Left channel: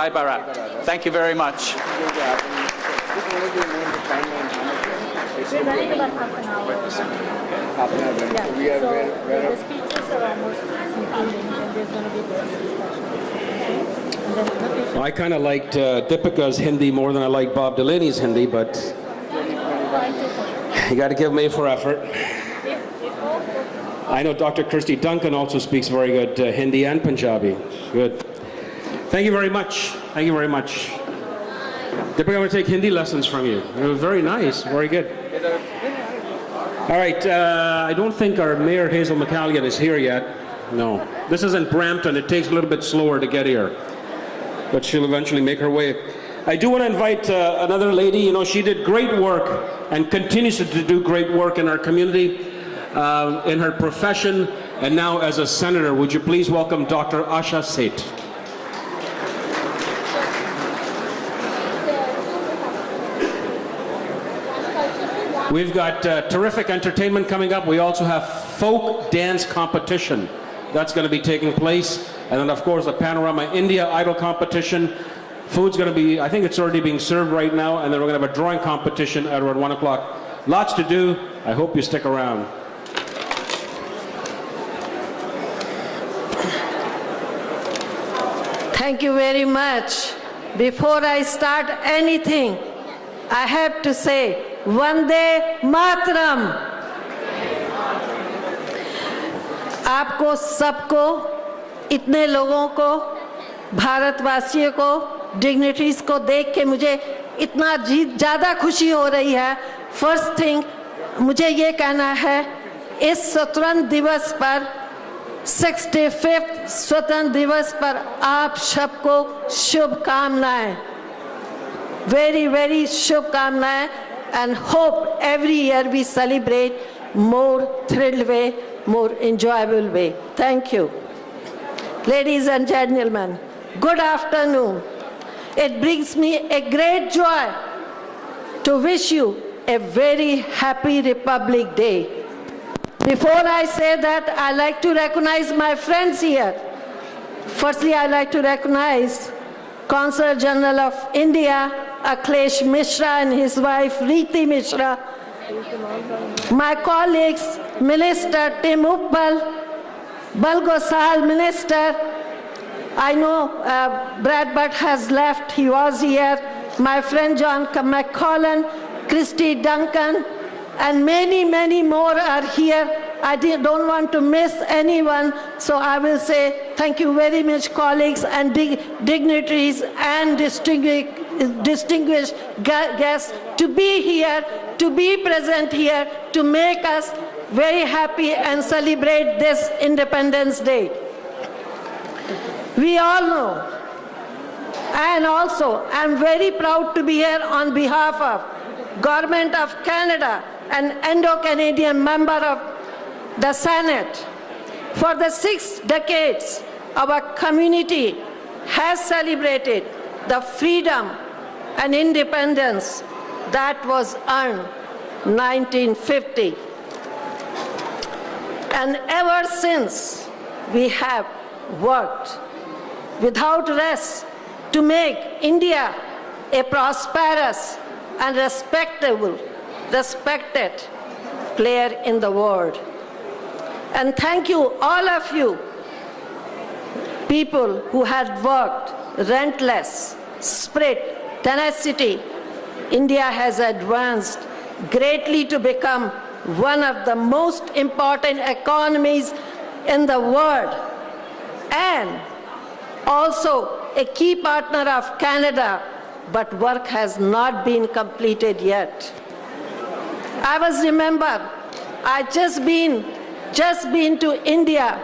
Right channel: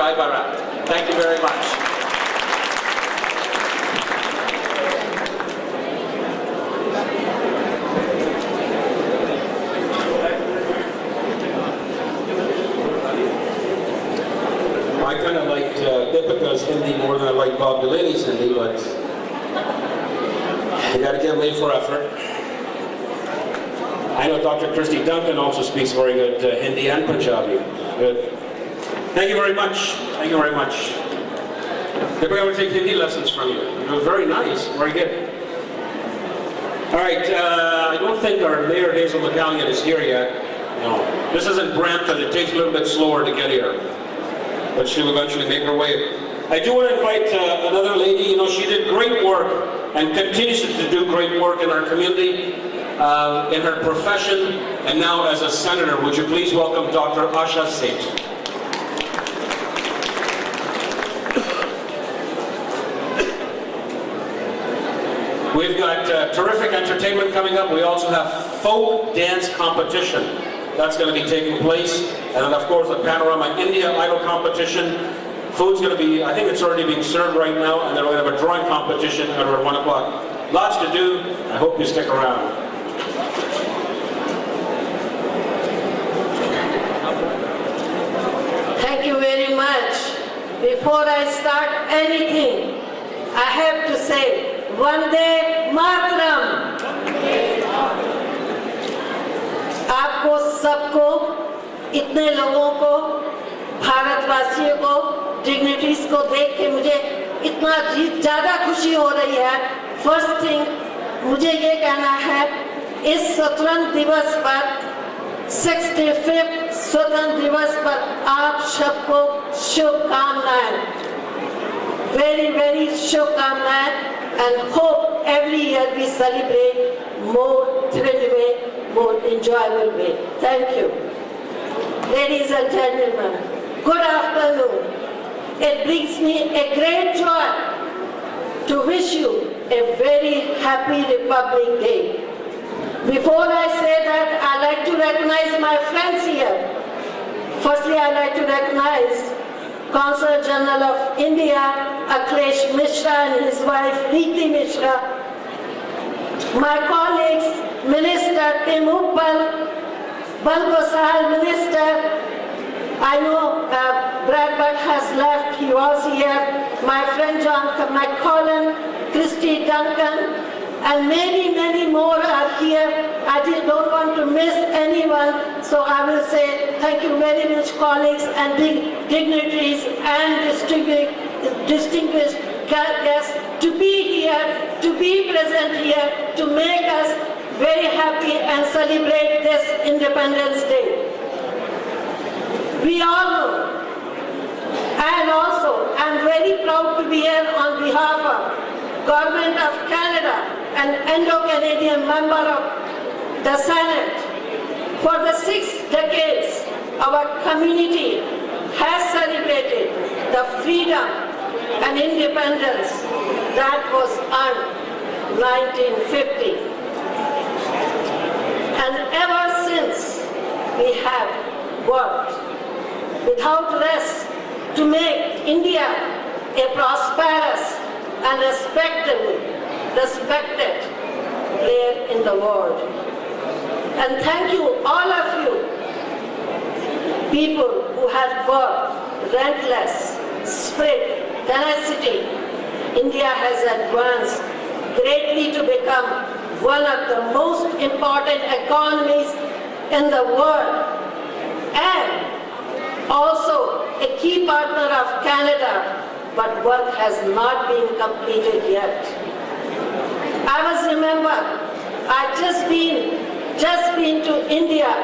Jai Bharat. Thank you very much. I kind of liked Deepika's Hindi more than I like Bob Delaney's Hindi, but you got to give them A for effort. I know Dr. Kirsty Duncan also speaks very good Hindi and Punjabi. Good. Thank you very much. Thank you very much. Deepika will take Hindi lessons from you. It was very nice. Very good. All right. I don't think our Mayor Hazel McCallion is here yet. No. This is in Brampton. It takes a little bit slower to get here, but she'll eventually make her way. I do want to invite another lady. You know, she did great work and continues to do great work in our community, in her profession, and now as a senator. Would you please welcome Dr. Asha Seth. We've got terrific entertainment coming up. We also have folk dance competition. That's going to be taking place. And of course, the Panorama India Idol competition. Food's going to be, I think it's already being served right now. And then we have a drawing competition at around 1 o'clock. Lots to do. I hope you stick around. Thank you very much. Before I start anything, I have to say, Vande Mataram. आपको सबको, इतने लोगों को, भारतवासियों को, dignitaries को देख के मुझे इतना ज़्यादा खुशी हो रही है। फर्स्ट थिंग मुझे ये कहना है, इस स्वतंत्रता दिवस पर 65th स्वतंत्रता दिवस पर आप सबको शुभकामनाएं, very very शुभकामनाएं, and hope every year we celebrate more thrilled way, more enjoyable way. Thank you. Ladies and gentlemen, good afternoon. It brings me a great joy to wish you a very happy Republic Day. Before I say that, I like to recognize my friends here. Firstly, I like to recognize Consul General of India, Akhilesh Mishra, and his wife, Reeti Mishra. My colleagues, Minister Tim Uppal, Balgosal Minister. I know Brad Butt has left, he was here. My friend John McCollum, Christy Duncan, and many, many more are here. I don't want to miss anyone, so I will say thank you very much, colleagues and dignitaries and distinguished guests, to be here, to be present here, to make us very happy and celebrate this Independence Day. We all know, and also I'm very proud to be here on behalf of Government of Canada, an Indo-Canadian member of the Senate. For the 6 decades, our community has celebrated the freedom and independence that was earned 1950. And ever since, we have worked without rest to make India a prosperous and respected player in the world. And thank you, all of you, people who have worked relentless, spirit, tenacity. India has advanced greatly to become one of the most important economies in the world, and also a key partner of Canada, but work has not been completed yet. I just been to India,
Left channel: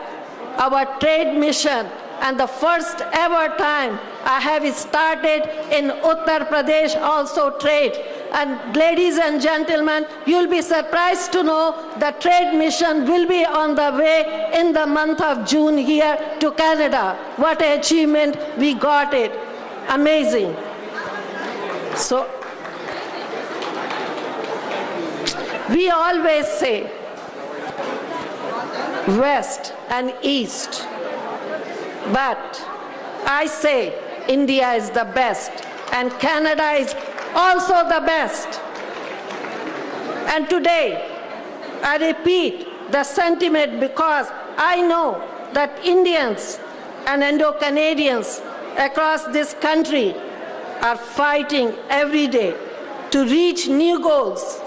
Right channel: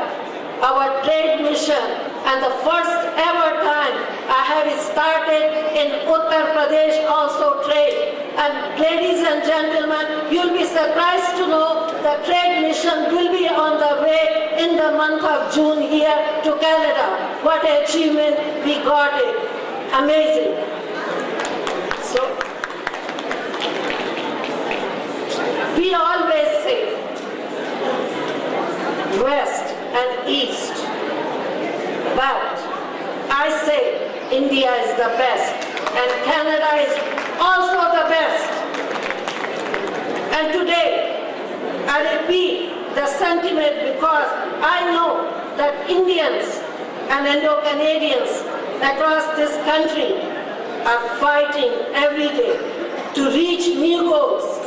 our trade mission, and the first ever time I have started in Uttar Pradesh also trade. And ladies and gentlemen, you'll be surprised to know the trade mission will be on the way in the month of June here to Canada. What an achievement, we got it. Amazing. So, we always say West and East, but I say India is the best and Canada is also the best. And today, I repeat the sentiment because I know that Indians and Indo-Canadians across this country are fighting every day to reach new goals,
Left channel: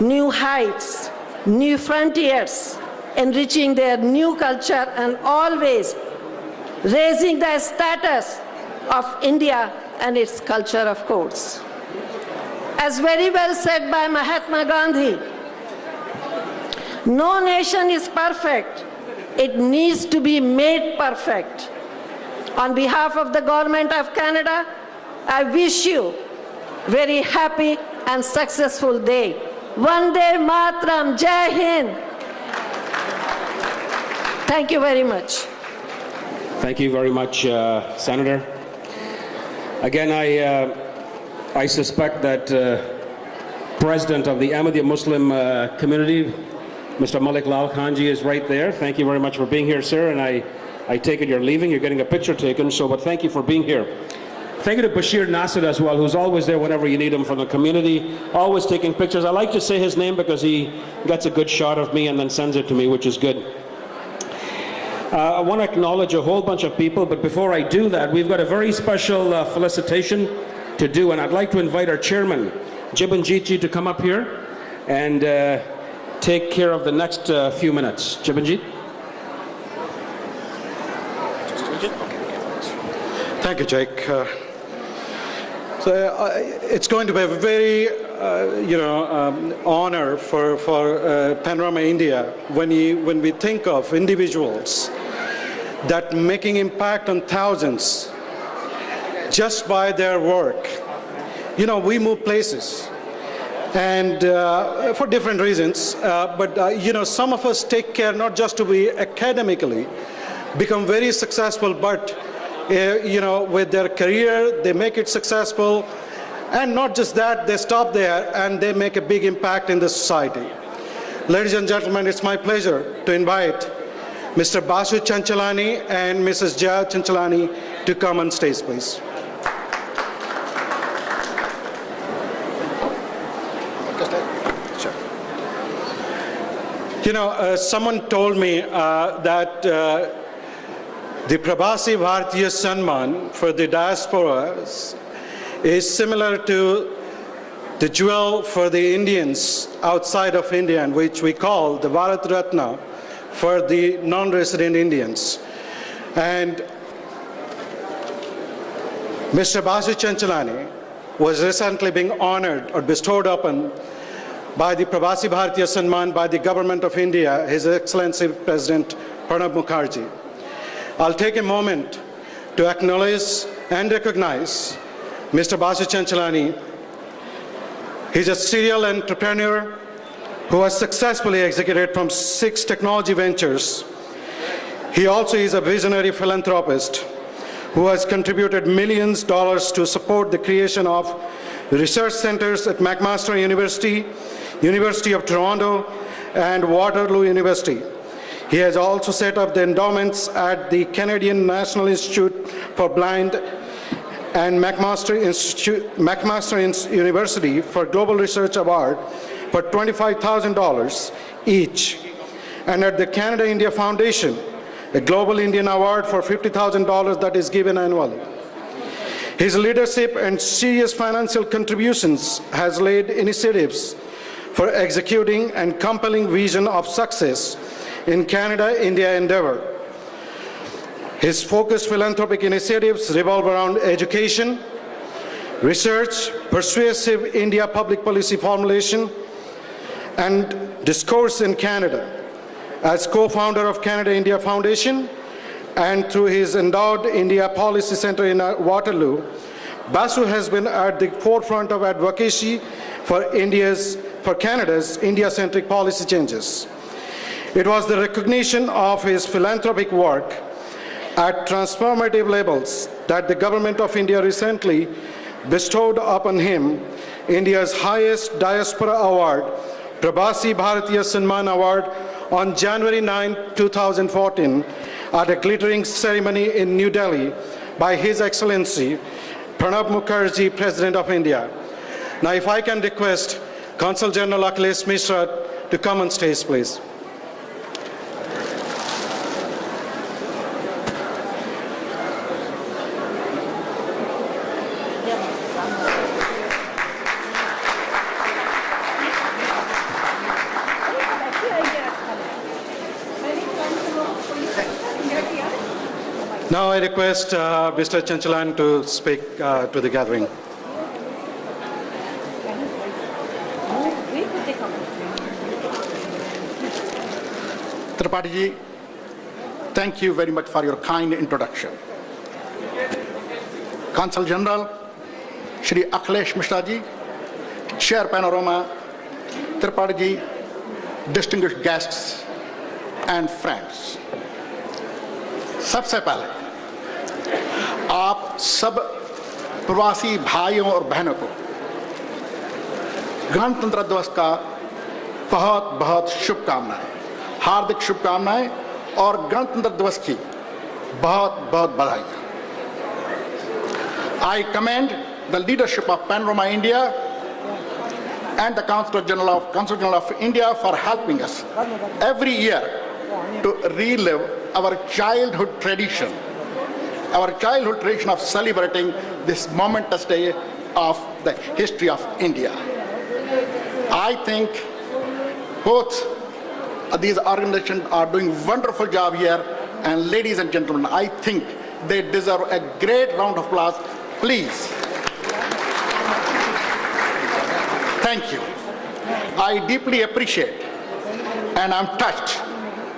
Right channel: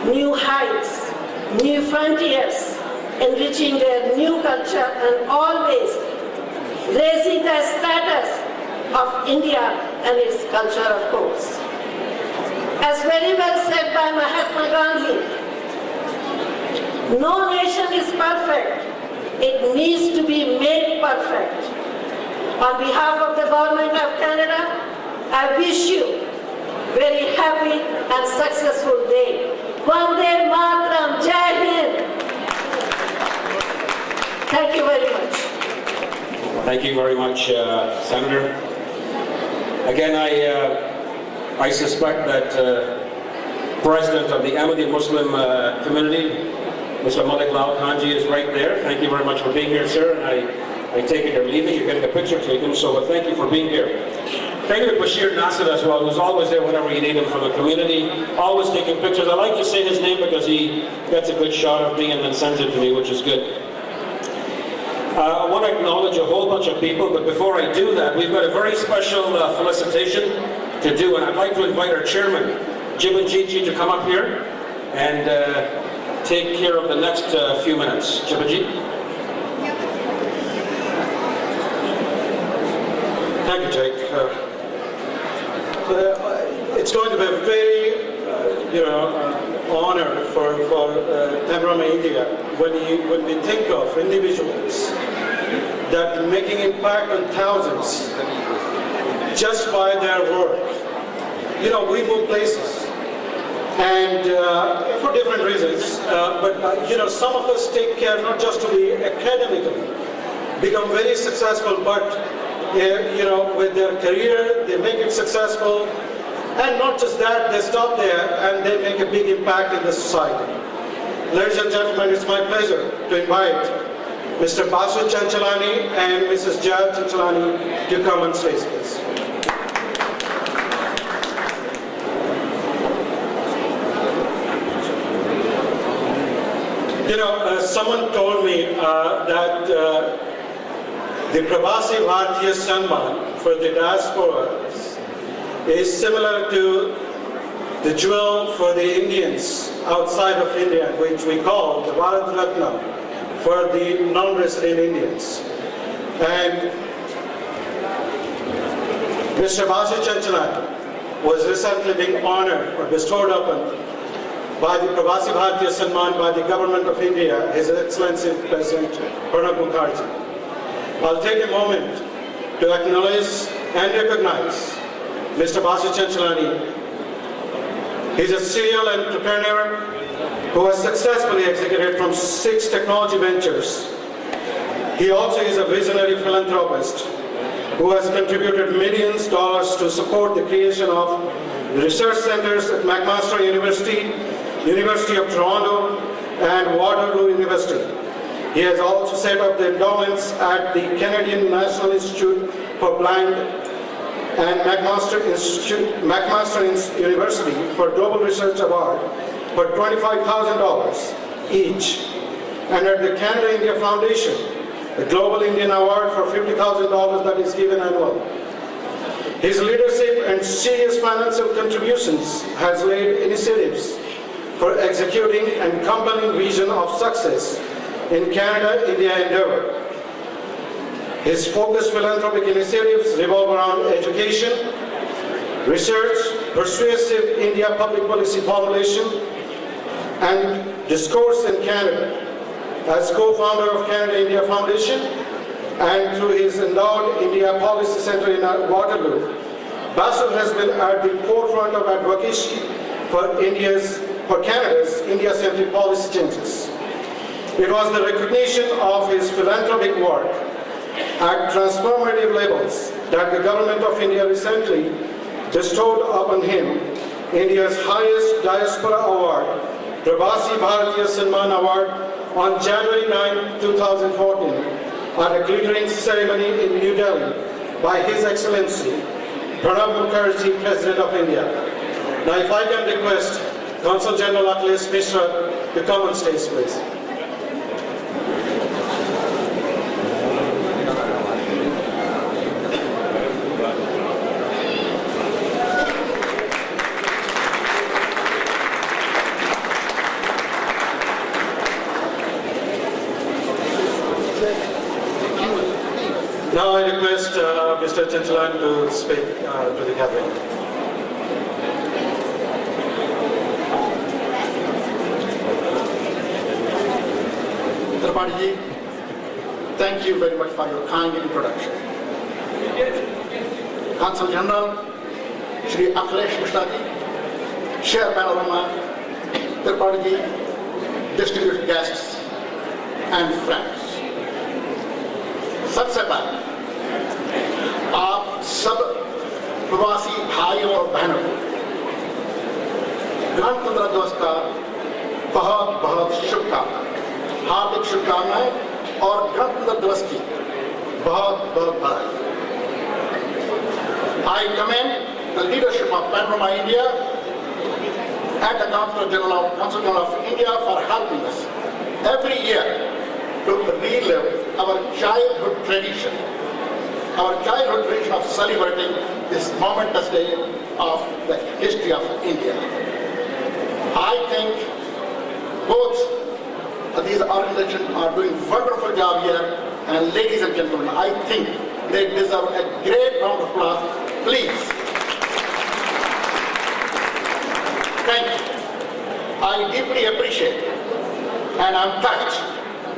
new heights, new frontiers, enriching their new culture and always raising the status of India and its culture, of course. As very well said by Mahatma Gandhi, no nation is perfect. It needs to be made perfect. On behalf of the Government of Canada, I wish you very happy and successful day. Vande Mataram, Jai Hind. Thank you very much. Thank you very much, Senator. Again, I suspect that President of the Ahmadi Muslim community, Mr. Malik Lal Khanji, is right there. Thank you very much for being here, sir. And I take it you're leaving. You're getting a picture taken, so thank you for being here. Thank you to Bashir Nasser as well, who's always there whenever you need him from the community, always taking pictures. I like to say his name because he gets a good shot of me and then sends it to me, which is good. I want to acknowledge a whole bunch of people, but before I do that, we've got a very special felicitation to do, and I'd like to invite our chairman, Jibanjit, to come up here and take care of the next few minutes. Jibanjit? Thank you, Jake. It's going to be a very, honor for Panorama India when we think of individuals that making impact on thousands just by their work. You know, we move places, and for different reasons. But some of us take care not just to be academically become very successful, but with their career, they make it successful, and not just that, they stop there and they make a big impact in the society. Ladies and gentlemen, it's my pleasure to invite Mr. Basu Chanchalani and Mrs. Jaya Chanchalani to come on stage, please. Someone told me that the Prabhasi Bharatiya Samman for the diaspora is similar to the jewel for the Indians outside of India, which we call the Bharat Ratna for the non-resident Indians. And Mr. Basu Chanchalani was recently being honored or bestowed upon by the Prabhasi Bharatiya Samman by the Government of India, His Excellency President Pranab Mukherjee. I'll take a moment to acknowledge and recognize Mr. Basu Chanchalani. He's a serial entrepreneur who has successfully executed from 6 technology ventures. He also is a visionary philanthropist who has contributed millions of dollars to support the creation of research centers at McMaster University, University of Toronto, and Waterloo University. He has also set up the endowments at the Canadian National Institute for Blind and McMaster University for Global Research Award for $25,000 each, and at the Canada-India Foundation, a Global Indian Award for $50,000 that is given annually. His leadership and serious financial contributions has laid initiatives for executing and compelling vision of success in Canada-India endeavor. His focused philanthropic initiatives revolve around education, research, persuasive India public policy formulation, and discourse in Canada. As co-founder of Canada-India Foundation and through his endowed India Policy Center in Waterloo, Basu has been at the forefront of advocacy for Canada's India-centric policy changes. It was the recognition of his philanthropic work at transformative levels that the Government of India recently bestowed upon him India's highest diaspora award, Prabhasi Bharatiya Samman Award, on January 9, 2014, at a glittering ceremony in New Delhi by His Excellency Pranab Mukherjee, President of India. Now, if I can request Consul General Akhilesh Mishra to come on stage, please. Now I request Mr. Chanchalan to speak to the gathering. Tripathi, thank you very much for your kind introduction. Consul General, Shri Akhilesh Mishra ji, Chair Panorama, Tripathi ji, distinguished guests and friends. सबसे पहले आप सब प्रवासी भाइयों और बहनों को गणतंत्र दिवस का बहुत बहुत शुभकामनाएं, हार्दिक शुभकामनाएं और गणतंत्र दिवस की बहुत बहुत बधाई। I commend the leadership of Panorama India and the Consul General of India for helping us every year to relive our childhood tradition of celebrating this momentous day of the history of India. I think both these organizations are doing a wonderful job here, and ladies and gentlemen, I think they deserve a great round of applause. Please. Thank you. I deeply appreciate and I'm touched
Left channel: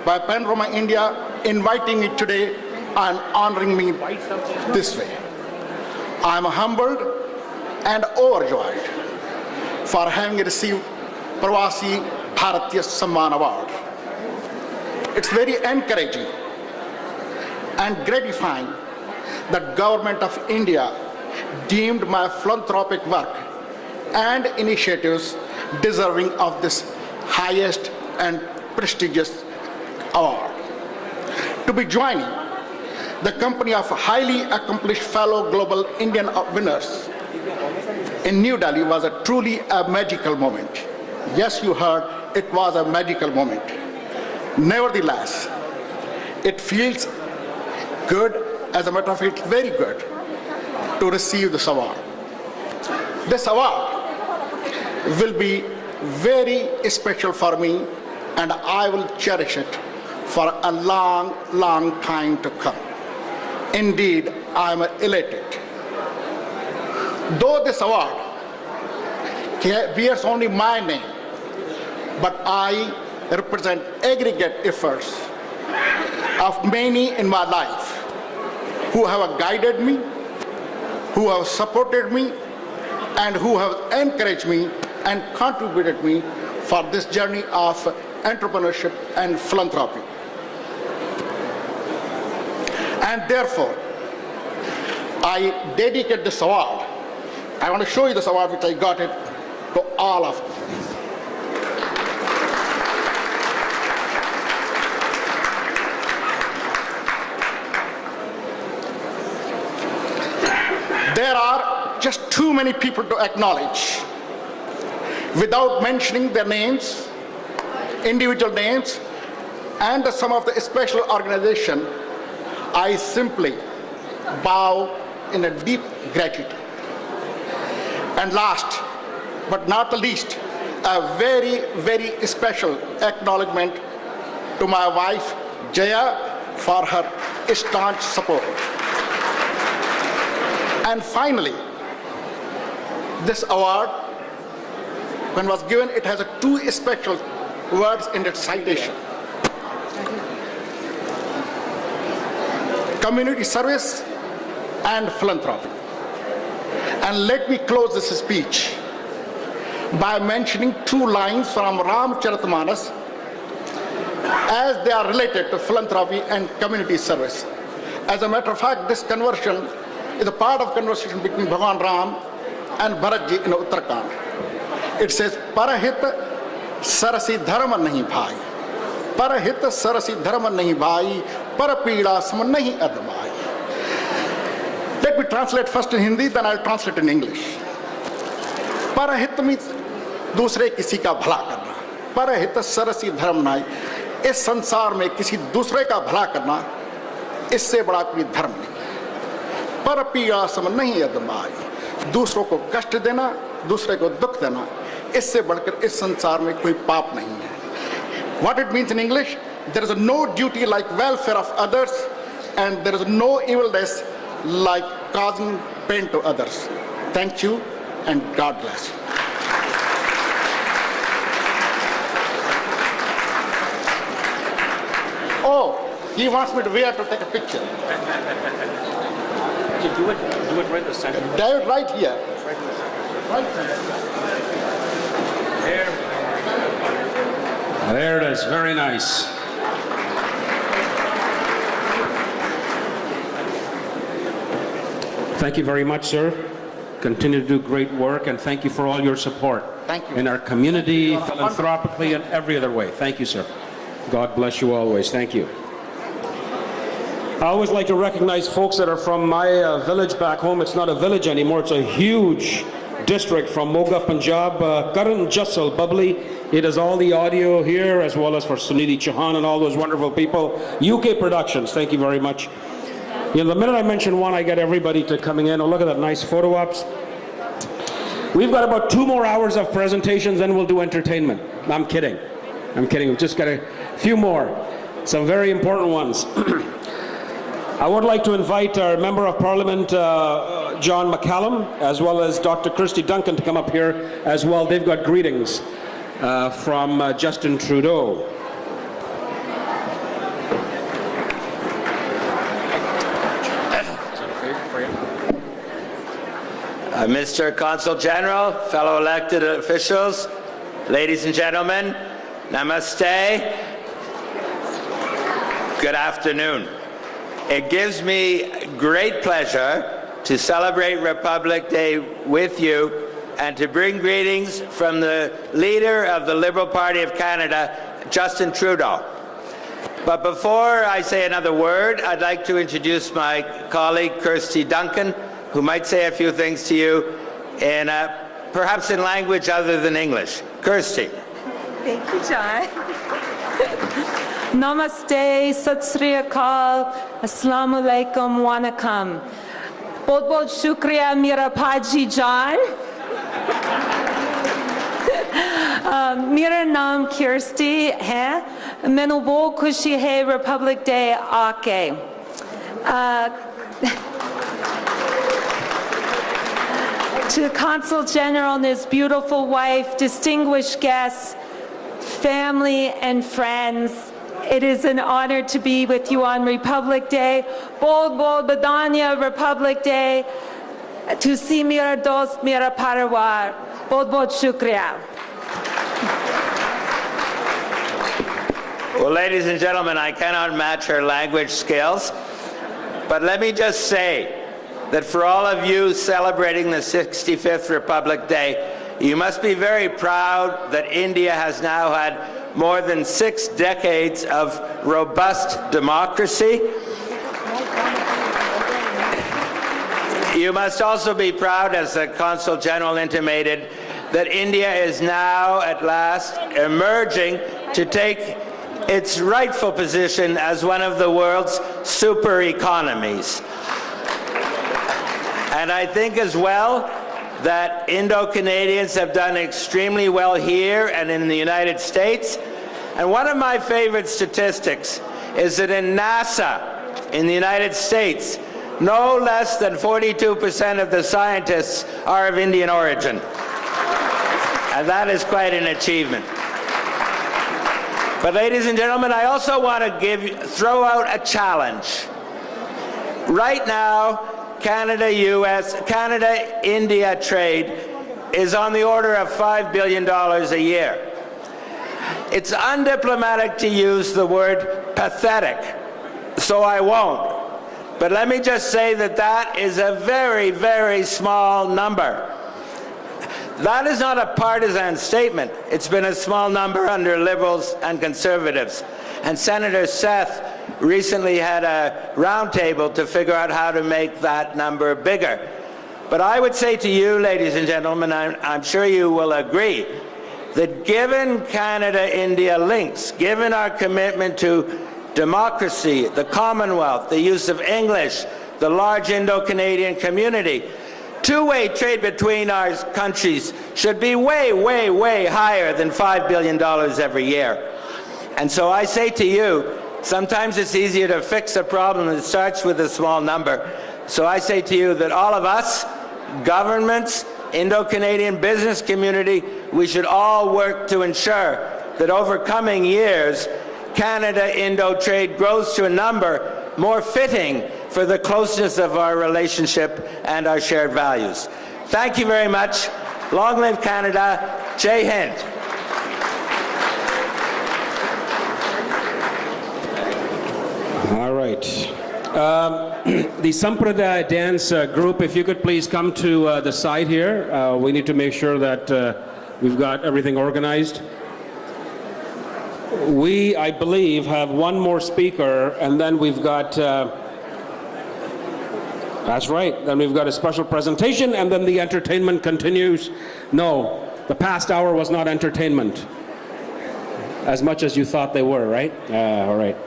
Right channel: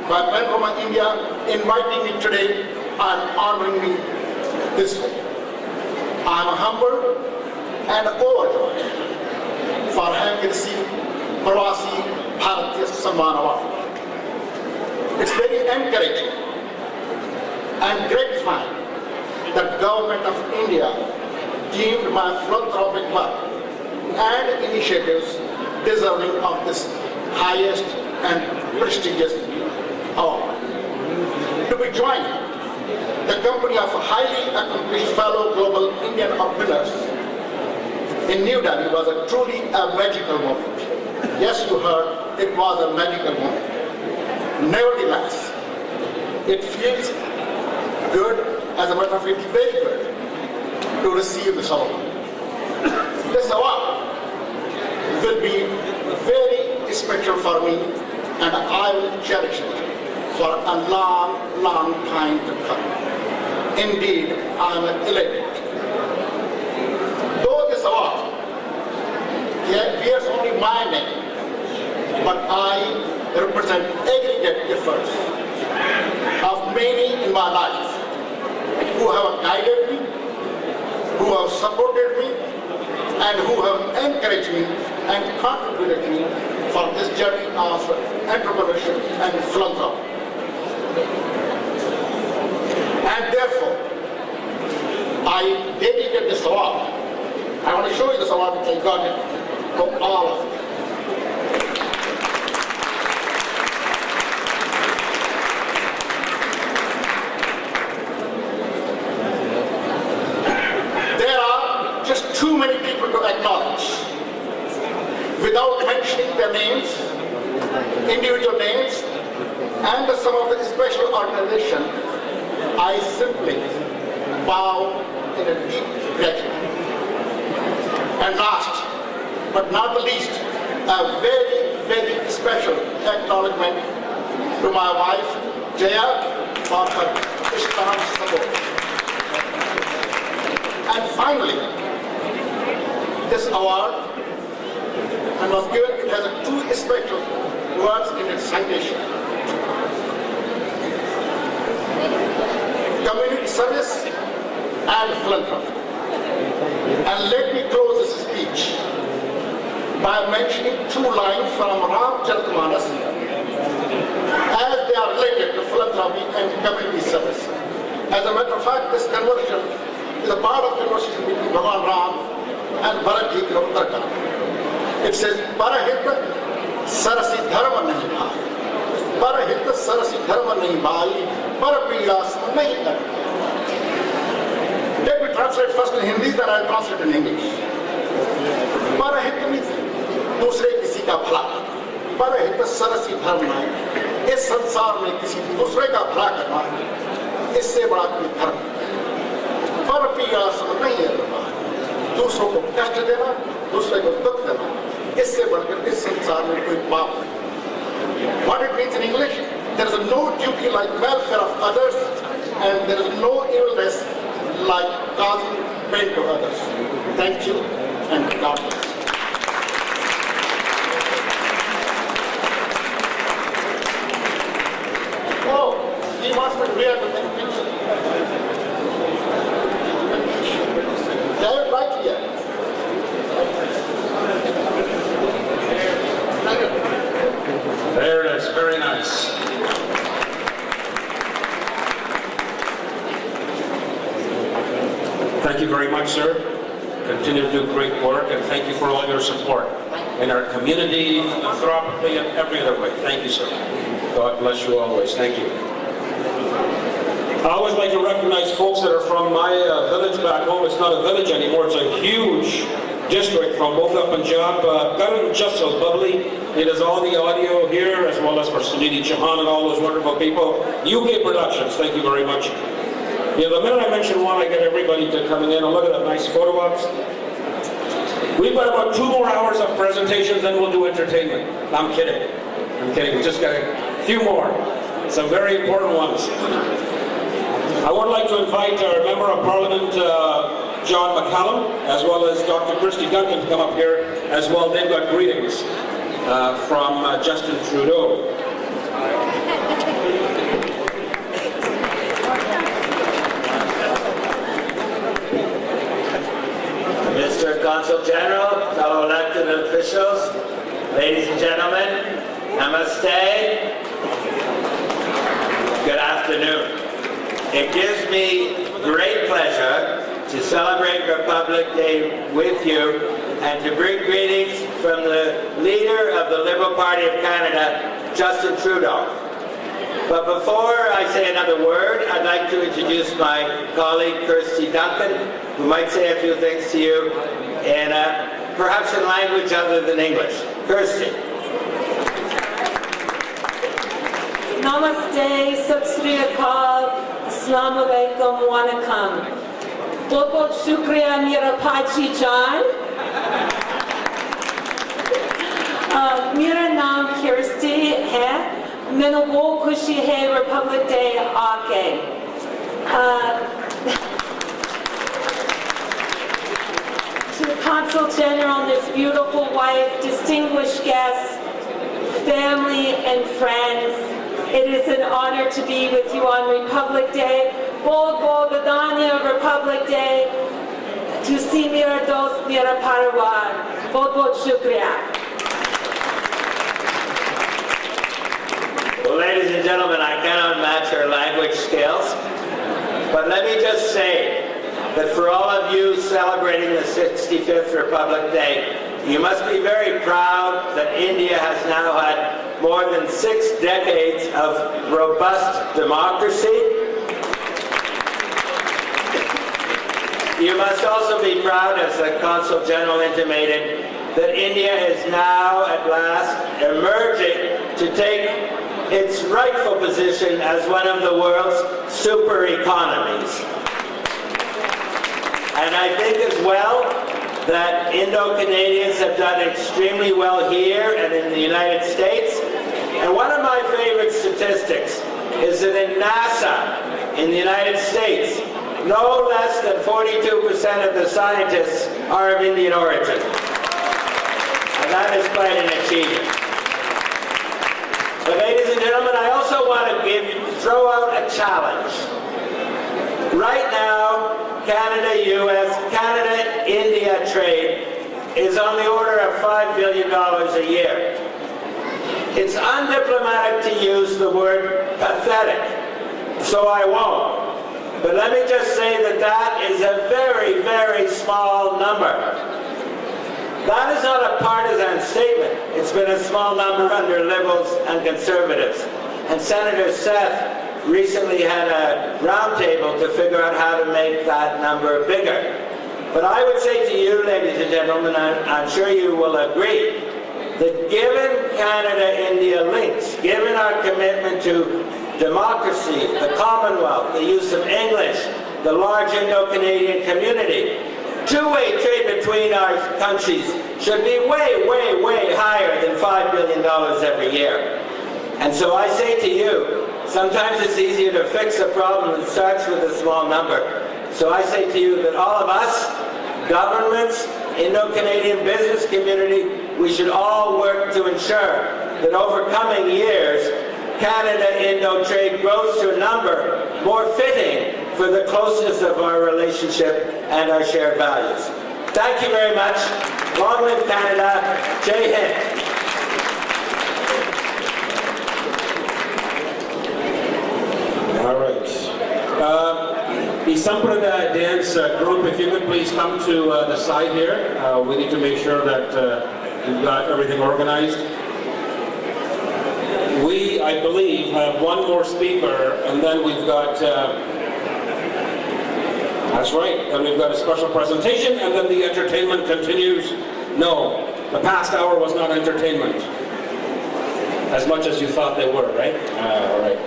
by Panorama India inviting me today and honoring me this way. I am humbled and overjoyed for having received Pravasi Bharatiya Samman Award. It's very encouraging and gratifying that Government of India deemed my philanthropic work and initiatives deserving of this highest and prestigious award. To be joining the company of highly accomplished fellow global Indian winners in New Delhi was a truly a magical moment. Yes, you heard, it was a magical moment. Nevertheless, it feels good, as a matter of fact, very good, to receive this award. This award will be very special for me, and I will cherish it for a long, long time to come. Indeed, I am elated. Though this award bears only my name, but I represent aggregate efforts of many in my life who have guided me, who have supported me, and who have encouraged me and contributed me for this journey of entrepreneurship and philanthropy. And therefore, I dedicate this award. I want to show you this award which I got it to all of you. There are just too many people to acknowledge without mentioning their names, individual names, and some of the special organization. I simply bow in a deep gratitude. And last but not the least, a very, very special acknowledgement to my wife Jaya for her staunch support. And finally, this award, when it was given, it has two special words in its citation: community service and philanthropy. And let me close this speech by mentioning two lines from Ramcharitmanas as they are related to philanthropy and community service. As a matter of fact, this conversion is a part of conversation between Bhagwan Ram and Bharatji in Uttarakhand. It says, Parahit sarasi dharma nahi bhai. Parahit sarasi dharma nahi bhai. Parapira sma nahi adbhai. Let me translate first in Hindi, then I'll translate in English. परहित में दूसरे किसी का भला करना, परहित Cersei धर्म नहीं। इस संसार में किसी दूसरे का भला करना, इससे बड़ा कोई धर्म नहीं। पर पियासम नहीं है धर्म। दूसरों को कष्ट देना, दूसरे को दुख देना, इससे बढ़कर इस संसार में कोई पाप नहीं है। What it means in English? There is no duty like welfare of others, and there is no evilness like causing pain to others. Thank you, and God bless. Oh, he wants me to wear to take a picture. David, right here. There it is. Very nice. Thank you very much, sir. Continue to do great work, and thank you for all your support in our community, philanthropically, and every other way. Thank you, sir. God bless you always. Thank you. I always like to recognize folks that are from my village back home. It's not a village anymore. It's a huge district from Moga, Punjab. Karan Jassal Bubbly. He does all the audio here, as well as for Suniti Chauhan and all those wonderful people. UK Productions, thank you very much. You know, the minute I mention one, I get everybody to come in. Oh, look at that nice photo ops. We've got about 2 more hours of presentations, then we'll do entertainment. No, I'm kidding. I'm kidding. We just got a few more. Some very important ones. I would like to invite our Member of Parliament, John McCallum, as well as Dr. Christy Duncan to come up here as well. They've got greetings from Justin Trudeau. Mr. Consul General, fellow elected officials, ladies and gentlemen, namaste. Good afternoon. It gives me great pleasure to celebrate Republic Day with you and to bring greetings from the leader of the Liberal Party of Canada, Justin Trudeau. But before I say another word, I'd like to introduce my colleague, Kirsty Duncan, who might say a few things to you in perhaps in language other than English. Kirsty. Namaste, Sat Sri Akal, Assalamu Alaikum, Wanakam. बहुत बहुत शुक्रिया मेरा भाजी जान. मेरा नाम Kirsty है. मैंने बहुत खुशी है रिपब्लिक डे आके. To the Consul General and his beautiful wife, distinguished guests, family and friends, it is an honor to be with you on Republic Day. Bol Bol Badanya Republic Day. To see Mera Dost Mera Parawar. Bol Bol Shukriya. Well, ladies and gentlemen, I cannot match her language skills, but let me just say that for all of you celebrating the 65th Republic Day, you must be very proud that India has now had more than 6 decades of robust democracy. You must also be proud, as the Consul General intimated, that India is now at last emerging to take its rightful position as one of the world's super economies. And I think as well that Indo-Canadians have done extremely well here and in the United States. And one of my favorite statistics is that in NASA, in the United States, no less than 42% of the scientists are of Indian origin. And that is quite an achievement. But ladies and gentlemen, I also want to throw out a challenge. Right now, Canada-US, Canada-India trade is on the order of $5 billion a year. It's undiplomatic to use the word pathetic, so I won't. But let me just say that that is a very, very small number. That is not a partisan statement. It's been a small number under Liberals and Conservatives. And Senator Seth recently had a roundtable to figure out how to make that number bigger. But I would say to you, ladies and gentlemen, I'm sure you will agree, that given Canada-India links, given our commitment to democracy, the Commonwealth, the use of English, the large Indo-Canadian community, two-way trade between our countries should be way, way, way higher than $5 billion every year. And so I say to you, sometimes it's easier to fix a problem that starts with a small number. So I say to you that all of us, governments, Indo-Canadian business community, we should all work to ensure that over coming years, Canada-Indo trade grows to a number more fitting for the closeness of our relationship and our shared values. Thank you very much. Long live Canada. Jai Hind. All right. The Sampradaya dance group, if you could please come to the side here. We need to make sure that we've got everything organized. We, I believe, have one more speaker, and then we've got, that's right, then we've got a special presentation, and then the entertainment continues. No, the past hour was not entertainment, as much as you thought they were, right? All right.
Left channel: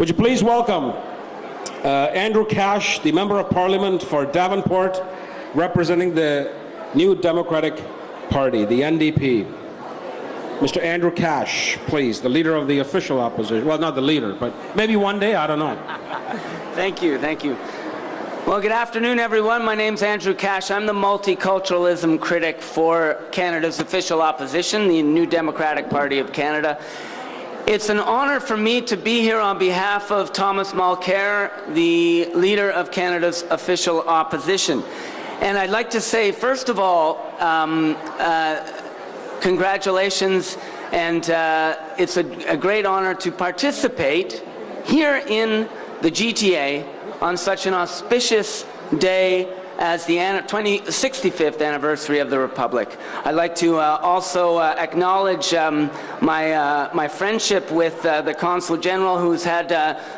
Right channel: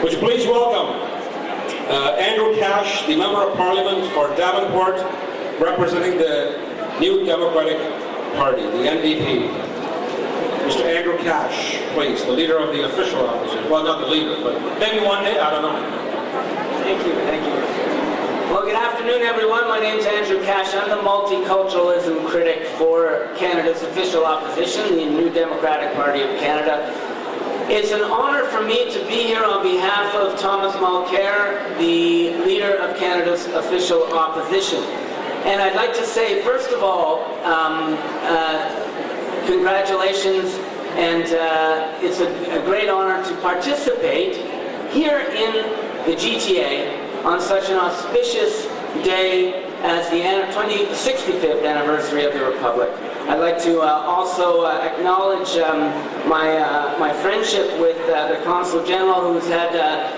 Would you please welcome Andrew Cash, the Member of Parliament for Davenport, representing the New Democratic Party, the NDP. Mr. Andrew Cash, please, the leader of the official opposition. Well, not the leader, but maybe one day, I don't know. Thank you, thank you. Well, good afternoon, everyone. My name's Andrew Cash. I'm the multiculturalism critic for Canada's official opposition, the New Democratic Party of Canada. It's an honor for me to be here on behalf of Thomas Mulcair, the leader of Canada's official opposition. And I'd like to say, first of all, congratulations, and it's a great honor to participate here in the GTA on such an auspicious day as the 65th anniversary of the Republic. I'd like to also acknowledge my friendship with the Consul General, who's had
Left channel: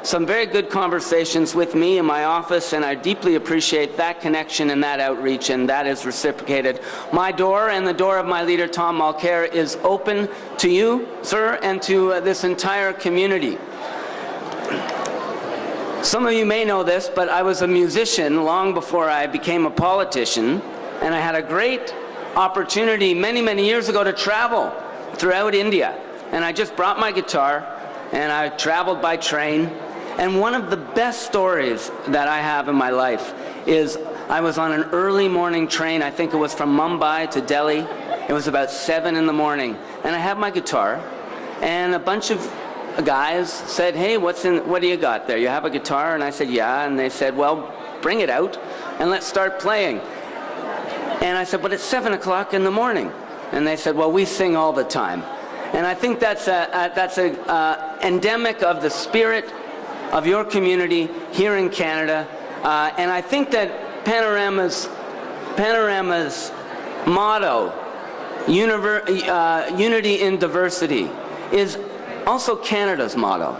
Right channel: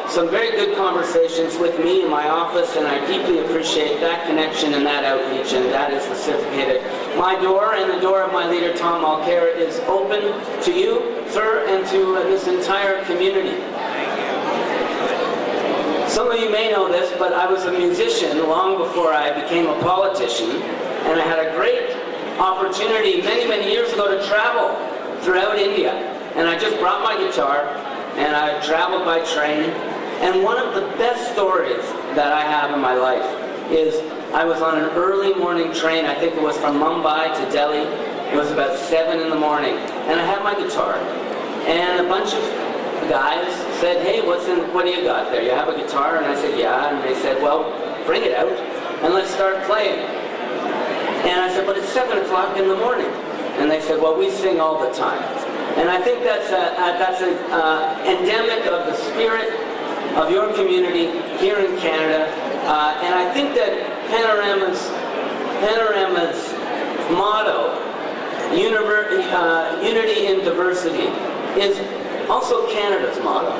some very good conversations with me in my office, and I deeply appreciate that connection and that outreach, and that is reciprocated. My door and the door of my leader, Tom Mulcair, is open to you, sir, and to this entire community. Some of you may know this, but I was a musician long before I became a politician, and I had a great opportunity many years ago to travel throughout India. And I just brought my guitar, and I traveled by train. And one of the best stories that I have in my life is I was on an early morning train. I think it was from Mumbai to Delhi. It was about 7 in the morning. And I had my guitar, and a bunch of guys said, "Hey, what do you got there? You have a guitar?" And I said, "Yeah." And they said, "Well, bring it out and let's start playing." And I said, "But it's 7 o'clock in the morning." And they said, "Well, we sing all the time." And I think that's a endemic of the spirit of your community here in Canada. And I think that Panorama's motto, unity in diversity, is also Canada's motto.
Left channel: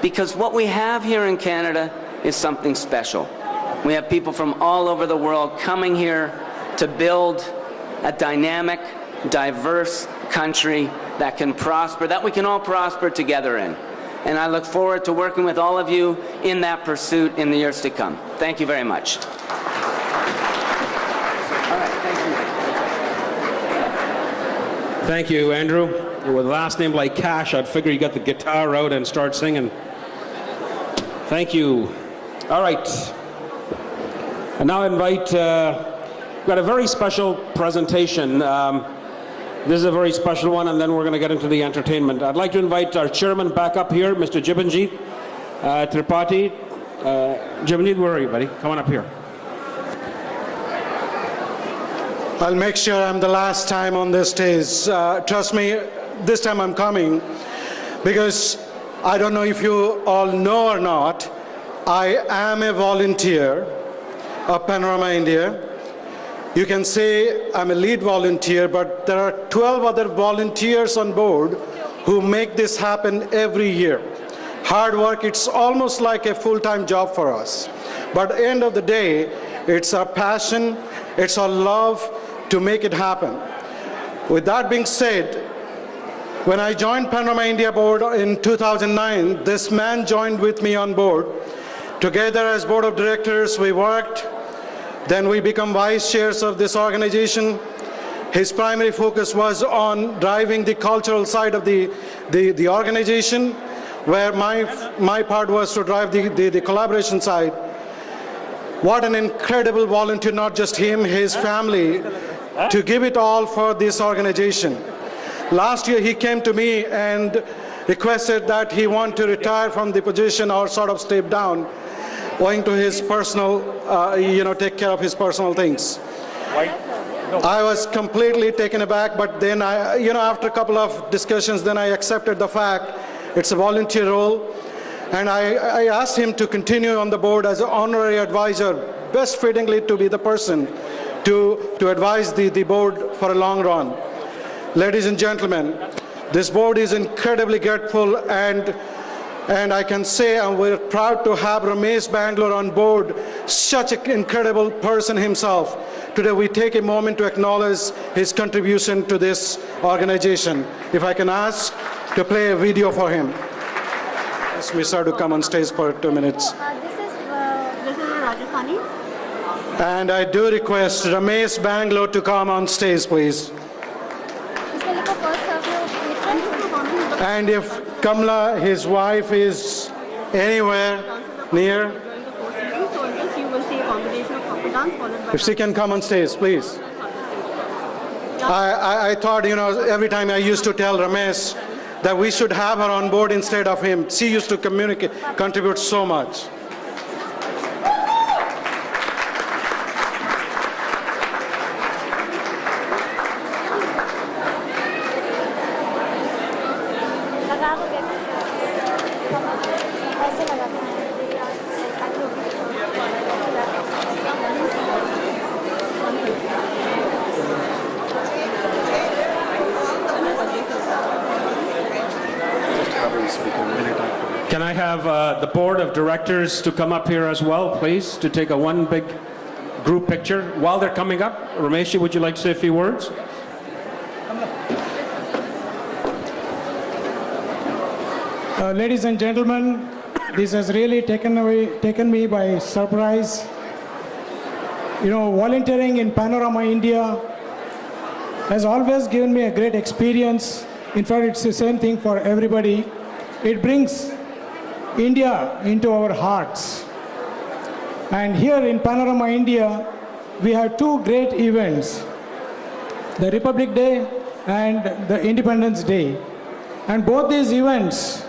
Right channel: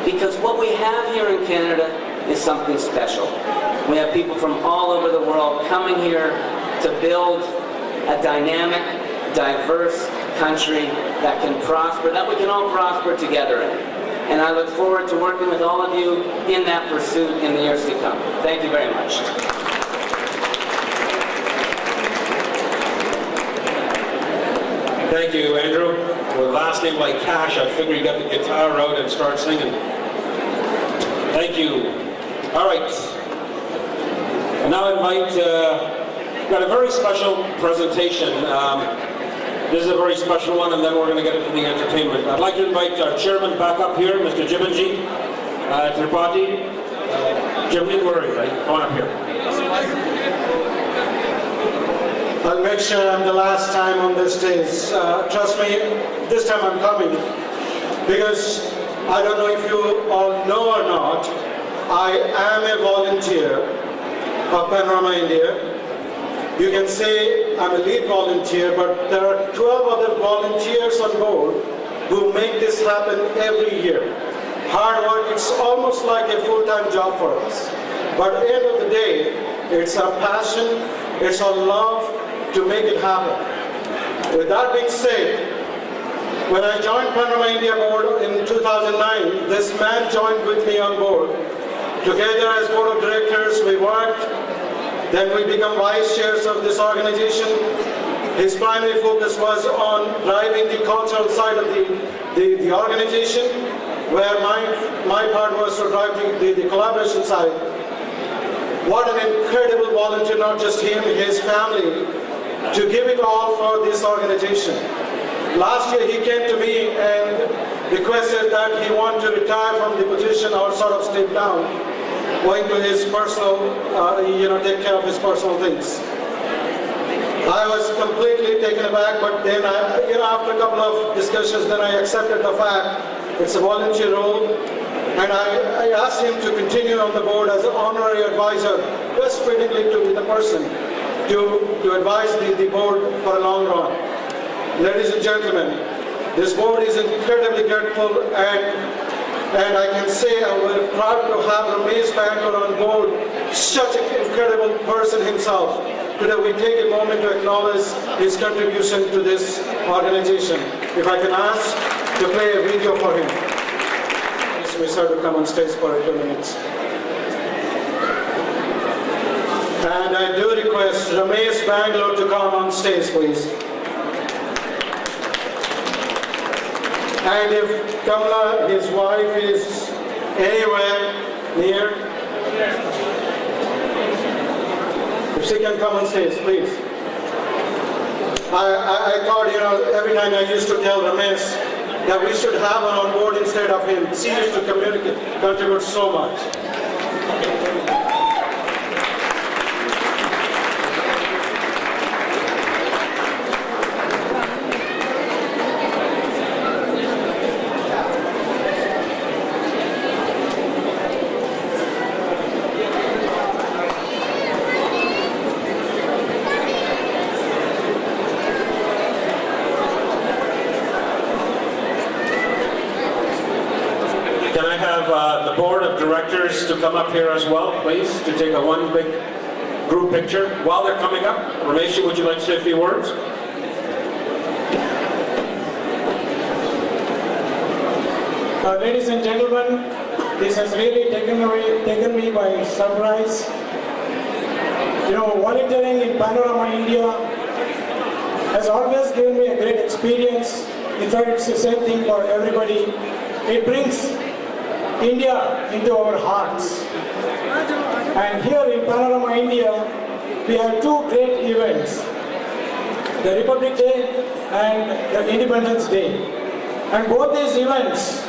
Because what we have here in Canada is something special. We have people from all over the world coming here to build a dynamic, diverse country that can prosper, that we can all prosper together in. And I look forward to working with all of you in that pursuit in the years to come. Thank you very much. Thank you, Andrew. With a last name like Cash, I figure you got the guitar out and start singing. Thank you. All right. I now invite, we've got a very special presentation. This is a very special one, and then we're going to get into the entertainment. I'd like to invite our chairman back up here, Mr. Jibanji Tripathi. Jim, don't worry, buddy. Come on up here. I'll make sure I'm the last time on this stage. Trust me, this time I'm coming, because I don't know if you all know or not, I am a volunteer of Panorama India. You can say I'm a lead volunteer, but there are 12 other volunteers on board who make this happen every year. hard work. It's almost like a full-time job for us. But at the end of the day, it's a passion, it's a love to make it happen. With that being said, when I joined Panorama India Board in 2009, this man joined with me on board. Together as board of directors, we worked. Then we become vice chairs of this organization. His primary focus was on driving the cultural side of the organization, where my part was to drive the collaboration side. What an incredible volunteer, not just him, his family, to give it all for this organization. Last year he came to me and requested that he want to retire from the position or sort of step down, going to his personal, take care of his personal things. I was completely taken aback, but then after a couple of discussions, then I accepted the fact it's a volunteer role, and I asked him to continue on the board as an honorary advisor, best fittingly to be the person to advise the board for a long run. Ladies and gentlemen, this board is incredibly grateful, and I can say we're proud to have Ramesh Bangalore on board, such an incredible person himself. Today we take a moment to acknowledge his contribution to this organization. If I can ask to play a video for him. We start to come on stage for 2 minutes. And I do request Ramesh Bangalore to come on stage, please. And if Kamala, his wife, is anywhere near, if she can come on stage, please. I thought, every time I used to tell Ramesh that we should have her on board instead of him. She used to contribute so much. Can I have the board of directors to come up here as well, please, to take one big group picture? While they're coming up, Ramesh, would you like to say a few words? Ladies and gentlemen, this has really taken me by surprise. Volunteering in Panorama India has always given me a great experience. In fact, it's the same thing for everybody. It brings India into our hearts. And here in Panorama India, we have two great events, the Republic Day and the Independence Day. And both these events